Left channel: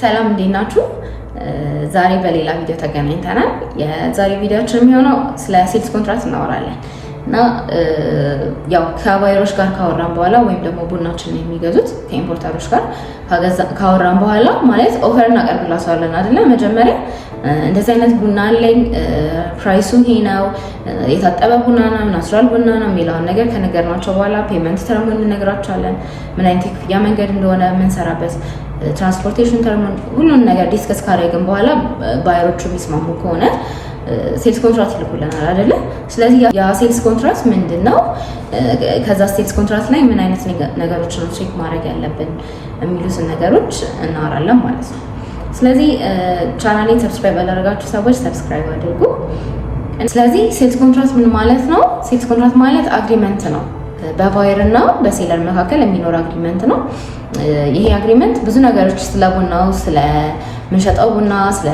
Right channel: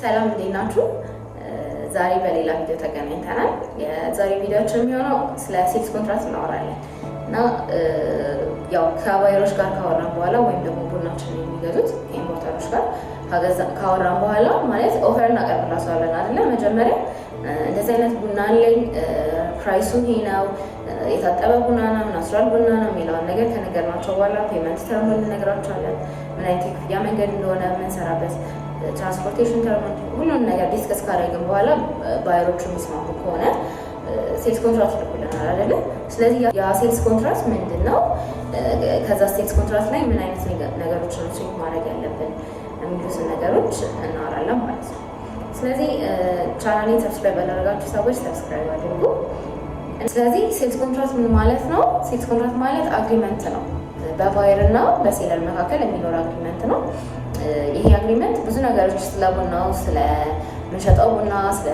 ሰላም እንዴት ናችሁ? ዛሬ በሌላ ቪዲዮ ተገናኝተናል። የዛሬ ቪዲዮአችን የሚሆነው ስለ ሴልስ ኮንትራክት እናወራለን እና ያው ከባየሮች ጋር ካወራን በኋላ ወይም ደግሞ ቡናችንን የሚገዙት ከኢምፖርተሮች ጋር ካወራን በኋላ ማለት ኦፈር እናቀርብላቸዋለን አይደለ? መጀመሪያ እንደዚህ አይነት ቡና አለኝ፣ ፕራይሱ ይሄ ነው፣ የታጠበ ቡና ነው፣ ናቹራል ቡና ነው የሚለውን ነገር ከነገርናቸው በኋላ ፔመንት ተርሙን እንነግራቸዋለን። ምን አይነት የክፍያ መንገድ እንደሆነ የምንሰራበት ትራንስፖርቴሽን ተርሙን ሁሉን ነገር ዲስከስ ካደረግን በኋላ ባየሮቹ የሚስማሙ ከሆነ ሴልስ ኮንትራክት ይልኩልናል አይደለ? ስለዚህ ያ ሴልስ ኮንትራክት ምንድን ነው? ከዛ ሴልስ ኮንትራክት ላይ ምን አይነት ነገሮችን ቼክ ማድረግ ያለብን የሚሉትን ነገሮች እናወራለን ማለት ነው። ስለዚህ ቻናሌን ሰብስክራይብ ያላደረጋችሁ ሰዎች ሰብስክራይብ አድርጉ። ስለዚህ ሴልስ ኮንትራክት ምን ማለት ነው? ሴልስ ኮንትራክት ማለት አግሪመንት ነው። በባየር እና በሴለር መካከል የሚኖር አግሪመንት ነው። ይሄ አግሪመንት ብዙ ነገሮች ስለ ቡናው፣ ስለ ምንሸጠው ቡና፣ ስለ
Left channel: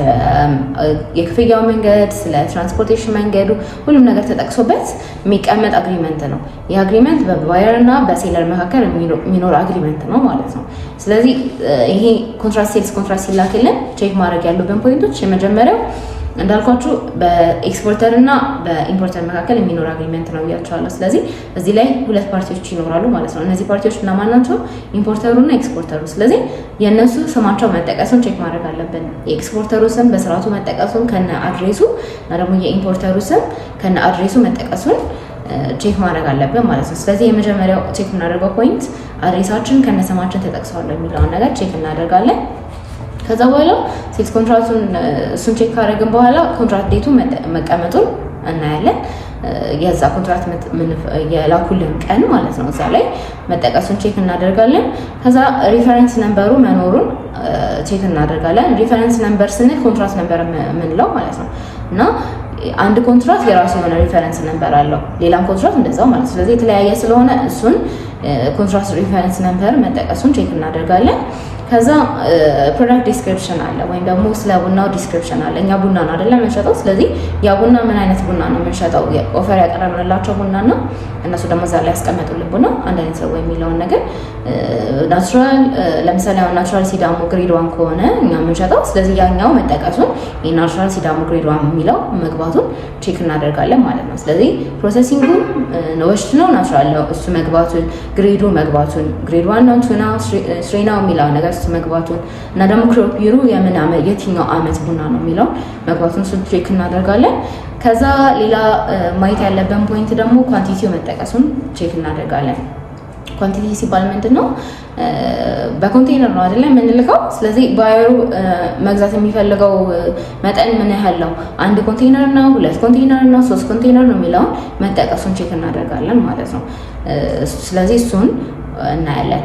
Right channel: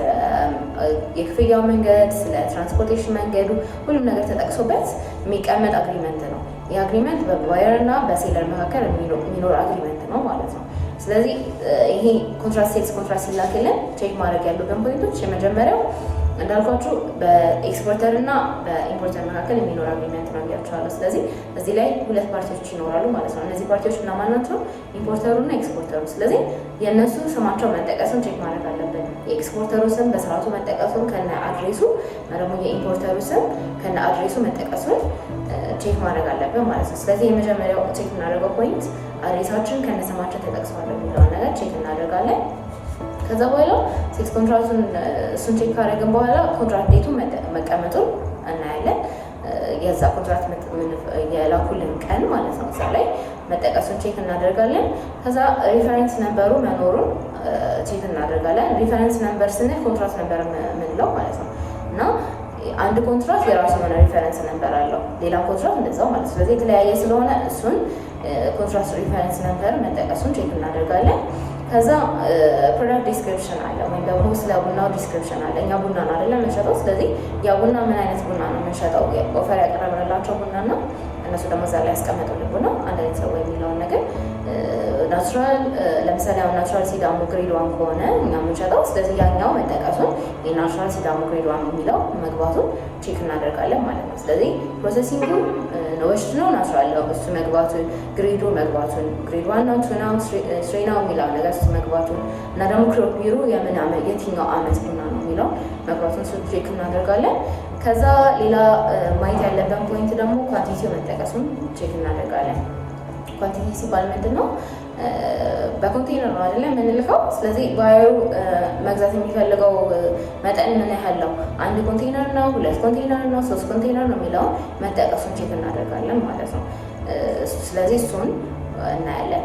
የክፍያው መንገድ፣ ስለ ትራንስፖርቴሽን መንገዱ ሁሉም ነገር ተጠቅሶበት የሚቀመጥ አግሪመንት ነው። ይህ አግሪመንት በባየር እና በሴለር መካከል የሚኖር አግሪመንት ነው ማለት ነው። ስለዚህ ይሄ ኮንትራክት ሴልስ ኮንትራክት ሲላክልን ቼክ ማድረግ ያሉብን ፖይንቶች የመጀመሪያው እንዳልኳችሁ በኤክስፖርተር እና በኢምፖርተር መካከል የሚኖር አግሪመንት ነው ብያቸዋለሁ። ስለዚህ እዚህ ላይ ሁለት ፓርቲዎች ይኖራሉ ማለት ነው። እነዚህ ፓርቲዎች እነማን ናቸው? ኢምፖርተሩ እና ኤክስፖርተሩ። ስለዚህ የእነሱ ስማቸው መጠቀሱን ቼክ ማድረግ አለብን። የኤክስፖርተሩ ስም በስርዓቱ መጠቀሱን ከነ አድሬሱ እና ደግሞ የኢምፖርተሩ ስም ከነ አድሬሱ መጠቀሱን ቼክ ማድረግ አለብን ማለት ነው። ስለዚህ የመጀመሪያው ቼክ የምናደርገው ፖይንት አድሬሳችን ከነ ስማችን ተጠቅሰዋል የሚለውን ነገር ቼክ እናደርጋለን። ከዛ በኋላ ሴልስ ኮንትራክቱን እሱን ቼክ ካደረግን በኋላ ኮንትራክት ዴቱ መቀመጡን እናያለን። የዛ ኮንትራክት የላኩልን ቀን ማለት ነው፣ እዛ ላይ መጠቀሱን ቼክ እናደርጋለን። ከዛ ሪፈረንስ ነምበሩ መኖሩን ቼክ እናደርጋለን። ሪፈረንስ ነምበር ስንል ኮንትራክት ነምበር የምንለው ማለት ነው እና አንድ ኮንትራክት የራሱ የሆነ ሪፈረንስ ነምበር አለው፣ ሌላም ኮንትራክት እንደዛው ማለት ነው። ስለዚህ የተለያየ ስለሆነ እሱን ኮንትራክት ሪፈረንስ ነምበር መጠቀሱን ቼክ እናደርጋለን። ከዛ ፕሮዳክት ዲስክሪፕሽን አለ ወይም ደግሞ ስለ ቡናው ዲስክሪፕሽን አለ። እኛ ቡና ነው አይደለም የምንሸጠው። ስለዚህ ያ ቡና ምን አይነት ቡና ነው የምንሸጠው፣ ኦፈር ያቀረብንላቸው ቡና እና እነሱ ደግሞ እዛ ላይ ያስቀመጡልን ቡና አንድ አይነት ነው የሚለውን ነገር ናቹራል፣ ለምሳሌ አሁን ናቹራል ሲዳሞ ግሬድ ዋን ከሆነ እኛ የምንሸጠው፣ ስለዚህ ያኛው መጠቀሱን የናቹራል ሲዳሞ ግሬድ ዋን የሚለው መግባቱን ቼክ እናደርጋለን ማለት ነው። ስለዚህ ፕሮሰሲንጉ ወሽት ነው ናቹራል ነው እሱ መግባቱን፣ ግሬዱ መግባቱን፣ ግሬድ ዋን ነው ቱና ስሪ ነው የሚለው ነገር እሱ መግባቱን እና ደግሞ ክሮፕ ይሩ የምን የትኛው አመት ቡና ነው የሚለው መግባቱን እሱ ቼክ እናደርጋለን። ከዛ ሌላ ማየት ያለብን ፖይንት ደግሞ ኳንቲቲው መጠቀሱን ቼክ እናደርጋለን። ኳንቲቲ ሲባል ምንድን ነው? በኮንቴነር ነው አይደለም የምንልከው። ስለዚህ ባየሩ መግዛት የሚፈልገው መጠን ምን ያህል ነው? አንድ ኮንቴነር ነው፣ ሁለት ኮንቴነር ነው፣ ሶስት ኮንቴነር ነው የሚለውን መጠቀሱን ቼክ እናደርጋለን ማለት ነው። ስለዚህ እሱን እናያለን፣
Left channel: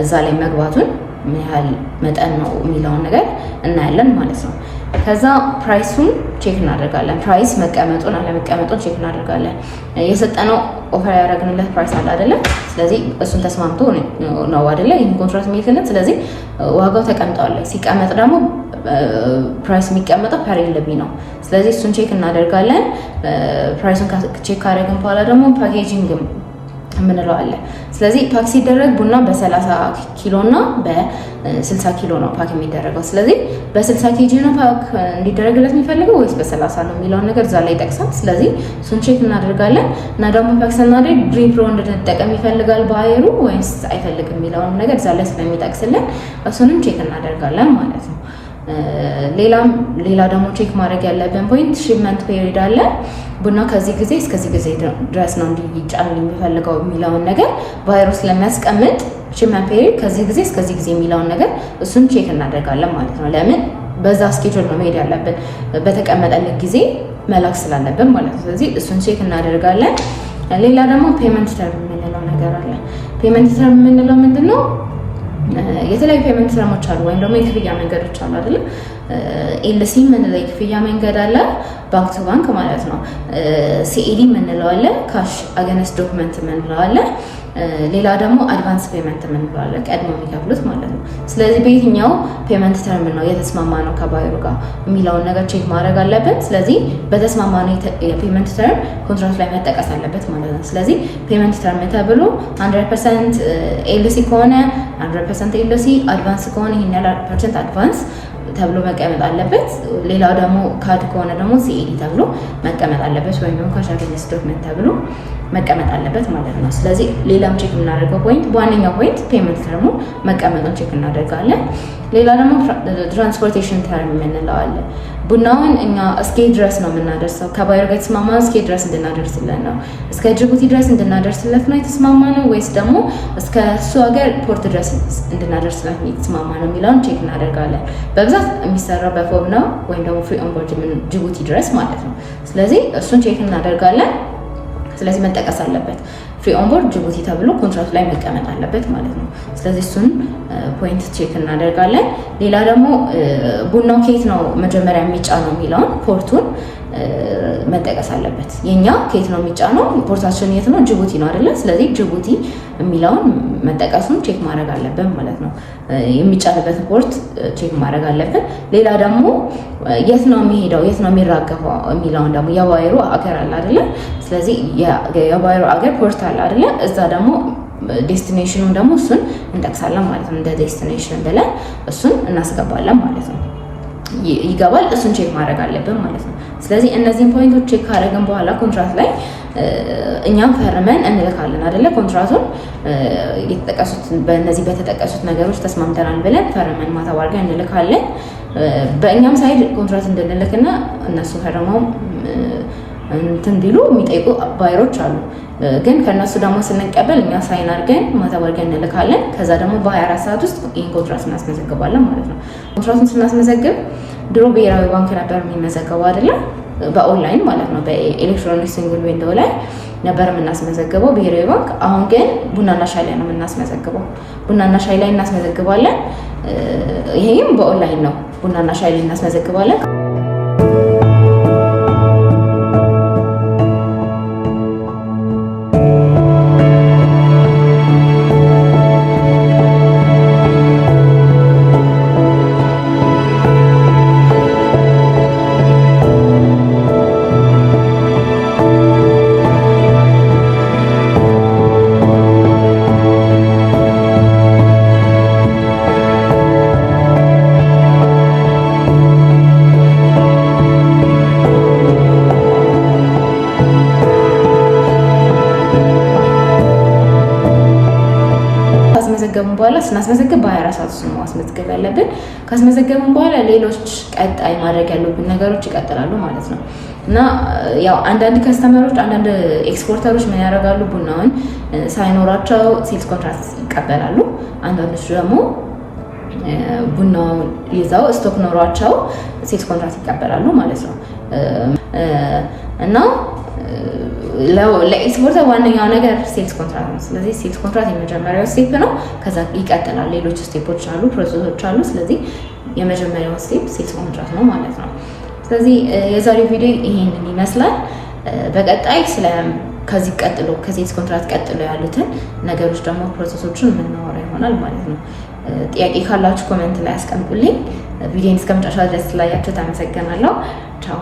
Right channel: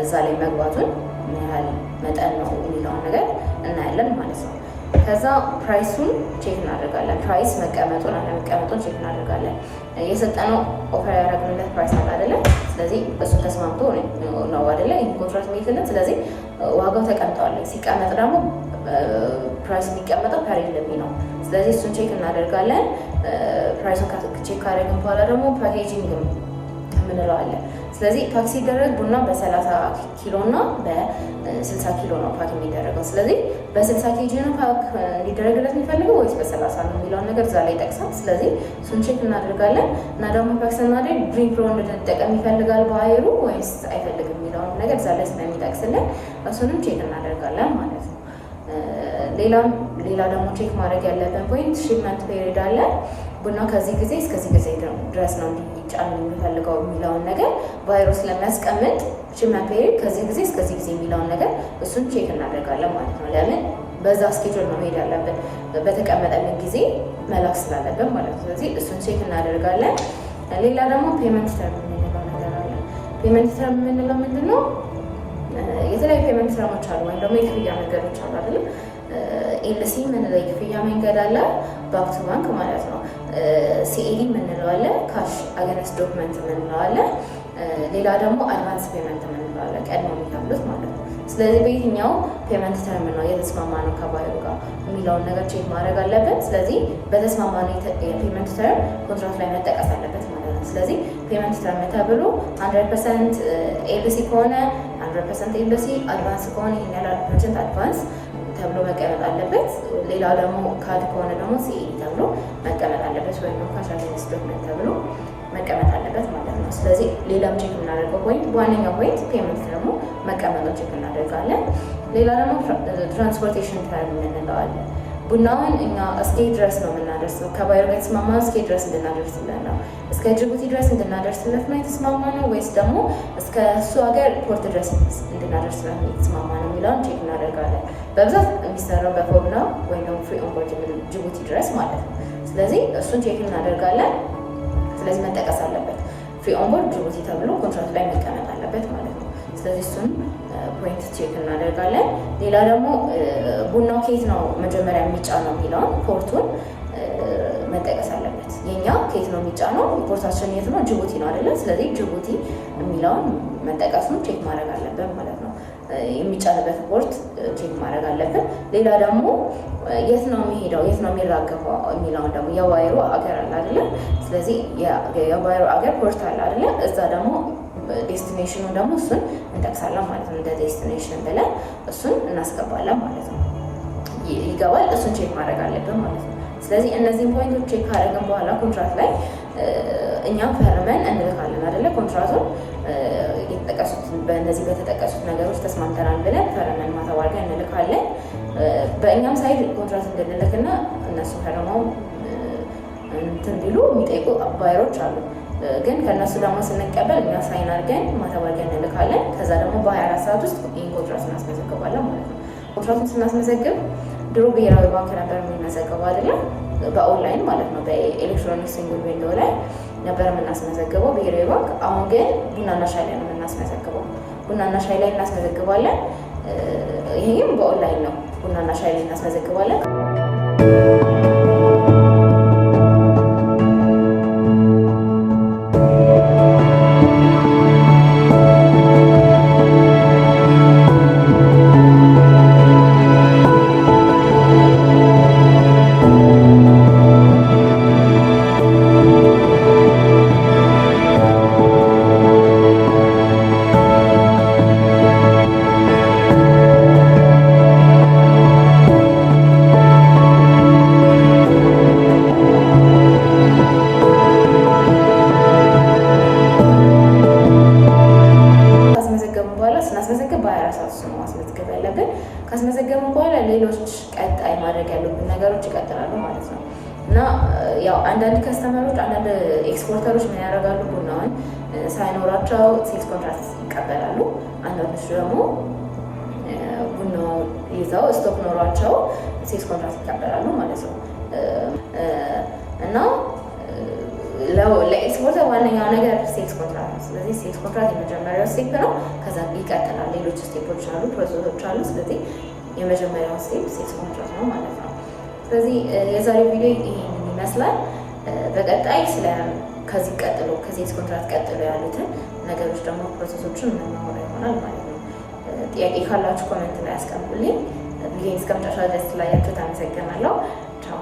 እዛ ላይ መግባቱን ምን ያህል መጠን ነው የሚለውን ነገር እናያለን ማለት ነው። ከዛ ፕራይሱን ቼክ እናደርጋለን። ፕራይስ መቀመጡን አለመቀመጡን ቼክ እናደርጋለን። የሰጠነው ኦፈር ያደረግንለት ፕራይስ አለ አይደለም። ስለዚህ እሱን ተስማምቶ ነው አይደለ ይህን ኮንትራክት የሚልክልን። ስለዚህ ዋጋው ተቀምጧል። ሲቀመጥ ደግሞ ፕራይስ የሚቀመጠው ፐር ኤልቢ ነው። ስለዚህ እሱን ቼክ እናደርጋለን። ፕራይሱን ቼክ ካደረግን በኋላ ደግሞ ፓኬጂንግ የምንለው አለ። ስለዚህ ፓክ ሲደረግ ቡና በ30 ኪሎ እና በ60 ኪሎ ነው ፓክ የሚደረገው። ስለዚህ በ60 ኬጂ ነው ፓክ እንዲደረግለት የሚፈልገው ወይስ በ30 ነው የሚለውን ነገር እዛ ላይ ይጠቅሳል። ስለዚህ እሱን ቼክ እናደርጋለን እና ደግሞ ፓክ ስናደርግ ድሪም ፕሮ እንድንጠቀም ይፈልጋል ባየሩ ወይስ አይፈልግም የሚለውን ነገር እዛ ላይ ስለሚጠቅስልን እሱንም ቼክ እናደርጋለን ማለት ነው። ሌላ ደግሞ ቼክ ማድረግ ያለብን ፖይንት ሺፕመንት ፔሪድ አለ። ቡና ከዚህ ጊዜ እስከዚህ ጊዜ ድረስ ነው እንዲጫን የሚፈልገው የሚለውን ነገር ባየሩ ስለሚያስቀምጥ ሺፕመንት ፔሪድ ከዚህ ጊዜ እስከዚህ ጊዜ የሚለውን ነገር እሱን ቼክ እናደርጋለን ማለት ነው። ለምን በዛ ስኬጁል ነው መሄድ ያለብን፣ በተቀመጠልን ጊዜ መላክ ስላለብን ማለት ነው። ስለዚህ እሱን ቼክ እናደርጋለን። ሌላ ደግሞ ፔመንት ተርም የምንለው ነገር አለ። ፔመንት ተርም የምንለው ምንድን ነው? የተለያዩ ፔመንት ተርሞች አሉ ወይም ደግሞ የክፍያ መንገዶች አሉ አይደለ? ኤልሲ የምንለው የክፍያ መንገድ አለ፣ ባንክ ቱ ባንክ ማለት ነው። ሲኤዲ የምንለው አለ፣ ካሽ አገነስ ዶክመንት የምንለው አለ። ሌላ ደግሞ አድቫንስ ፔመንት የምንለው ቀድሞ የሚከፍሉት ማለት ነው። ስለዚህ በየትኛው ፔመንት ተርም ነው የተስማማ ነው ከባየሩ ጋር የሚለውን ነገር ቼክ ማድረግ አለበት። ስለዚህ በተስማማ ነው የፔመንት ተርም ኮንትራክት ላይ መጠቀስ አለበት ማለት ነው። ስለዚህ ፔመንት ተርም ተብሎ 100% ኤልሲ ከሆነ 100% ኤልሲ፣ አድቫንስ ከሆነ ይሄን ያህል ፐርሰንት አድቫንስ ተብሎ መቀመጥ አለበት። ሌላው ደግሞ ካድ ከሆነ ደግሞ ሲኤዲ ተብሎ መቀመጥ አለበት፣ ወይም ደግሞ ካሽ አገኘንስ ዶክመንት ተብሎ መቀመጥ አለበት ማለት ነው። ስለዚህ ሌላም ቼክ የምናደርገው ፖይንት በዋነኛው ፖይንት ፔመንት ደግሞ መቀመጡን ቼክ እናደርጋለን። ሌላ ደግሞ ትራንስፖርቴሽን ተርም የምንለው አለ። ቡናውን እኛ እስከ ድረስ ነው የምናደርሰው ከባየር ጋር የተስማማነው እስከ ድረስ እንድናደርስለት ነው። እስከ ጅቡቲ ድረስ እንድናደርስለት ነው የተስማማነው ወይስ ደግሞ እስከ እሱ ሀገር ፖርት ድረስ እንድናደርስለት ነው የተስማማነው የሚለውን ቼክ እናደርጋለን። በብዛት የሚሰራው በፎብ ነው ወይም ደግሞ ፍሪ ኦን ቦርድ ጅቡቲ ድረስ ማለት ነው። ስለዚህ እሱን ቼክ እናደርጋለን። ስለዚህ መጠቀስ አለበት። ፍሪ ኦን ቦርድ ጅቡቲ ተብሎ ኮንትራክት ላይ መቀመጥ አለበት ማለት ነው። ስለዚህ እሱን ፖይንት ቼክ እናደርጋለን። ሌላ ደግሞ ቡናው ከየት ነው መጀመሪያ የሚጫነው የሚለውን ፖርቱን መጠቀስ አለበት። የኛ ከየት ነው የሚጫነው? ፖርታችን የት ነው? ጅቡቲ ነው አይደለ? ስለዚህ ጅቡቲ የሚለውን መጠቀሱን ቼክ ማድረግ አለብን ማለት ነው። የሚጫንበት ፖርት ቼክ ማድረግ አለብን። ሌላ ደግሞ የት ነው የሚሄደው፣ የት ነው የሚራገፈው የሚለውን ደግሞ የባየሩ አገር አለ አይደለ? ስለዚህ የባየሩ አገር ፖርት አለ አይደለ? እዛ ደግሞ ዴስቲኔሽኑን ደግሞ እሱን እንጠቅሳለን ማለት ነው። እንደ ዴስቲኔሽን ብለን እሱን እናስገባለን ማለት ነው። ይገባል። እሱን ቼክ ማድረግ አለብን ማለት ነው። ስለዚህ እነዚህን ፖይንቶች ቼክ ካደረግን በኋላ ኮንትራክት ላይ እኛም ፈርመን እንልካለን አይደለ? ኮንትራክቱን የተጠቀሱት በእነዚህ በተጠቀሱት ነገሮች ተስማምተናል ብለን ፈርመን ማታ አድርገን እንልካለን። በእኛም ሳይድ ኮንትራክት እንድንልክና እነሱ ፈርመው እንትን እንዲሉ የሚጠይቁ ባየሮች አሉ። ግን ከነሱ ደግሞ ስንቀበል እኛ ሳይን አድርገን ማታ አድርገን እንልካለን። ከዛ ደግሞ በ24 ሰዓት ውስጥ ይህን ኮንትራክት እናስመዘግባለን ማለት ነው። ኮንትራክቱን ስናስመዘግብ ድሮ ብሔራዊ ባንክ ነበር የሚመዘገበው አይደለም፣ በኦንላይን ማለት ነው። በኤሌክትሮኒክ ሲንግል ዊንዶው ላይ ነበር የምናስመዘግበው ብሔራዊ ባንክ። አሁን ግን ቡናና ሻይ ላይ ነው የምናስመዘግበው። ቡናና ሻይ ላይ እናስመዘግባለን። ይሄም በኦንላይን ነው። ቡናና ሻይ ላይ እናስመዘግባለን። በኋላ ስናስመዘግብ በ24 ሰዓት ውስጥ ነው ማስመዝገብ ያለብን። ካስመዘገብን በኋላ ሌሎች ቀጣይ ማድረግ ያሉብን ነገሮች ይቀጥላሉ ማለት ነው። እና ያው አንዳንድ ከስተመሮች አንዳንድ ኤክስፖርተሮች ምን ያደርጋሉ? ቡናውን ሳይኖራቸው ሴልስ ኮንትራክት ይቀበላሉ። አንዳንዶች ደግሞ ቡናውን ይዘው ስቶክ ኖሯቸው ሴልስ ኮንትራክት ይቀበላሉ ማለት ነው። እና ለኤክስፖርተር ዋነኛው ነገር ሴልስ ኮንትራክት ነው። ስለዚህ ሴልስ ኮንትራክት የመጀመሪያው ስቴፕ ነው። ከዛ ይቀጥላል፣ ሌሎች ስቴፖች አሉ፣ ፕሮሰሶች አሉ። ስለዚህ የመጀመሪያው ስቴፕ ሴልስ ኮንትራክት ነው ማለት ነው። ስለዚህ የዛሬው ቪዲዮ ይሄንን ይመስላል። በቀጣይ ከዚህ ቀጥሎ ከሴልስ ኮንትራክት ቀጥሎ ያሉትን ነገሮች ደግሞ ፕሮሰሶችን የምናወራ ይሆናል ማለት ነው። ጥያቄ ካላችሁ ኮሜንት ላይ አስቀምጡልኝ። ቪዲዮን እስከመጨረሻ ድረስ ስላያችሁ ተመሰግናለሁ። ቻው።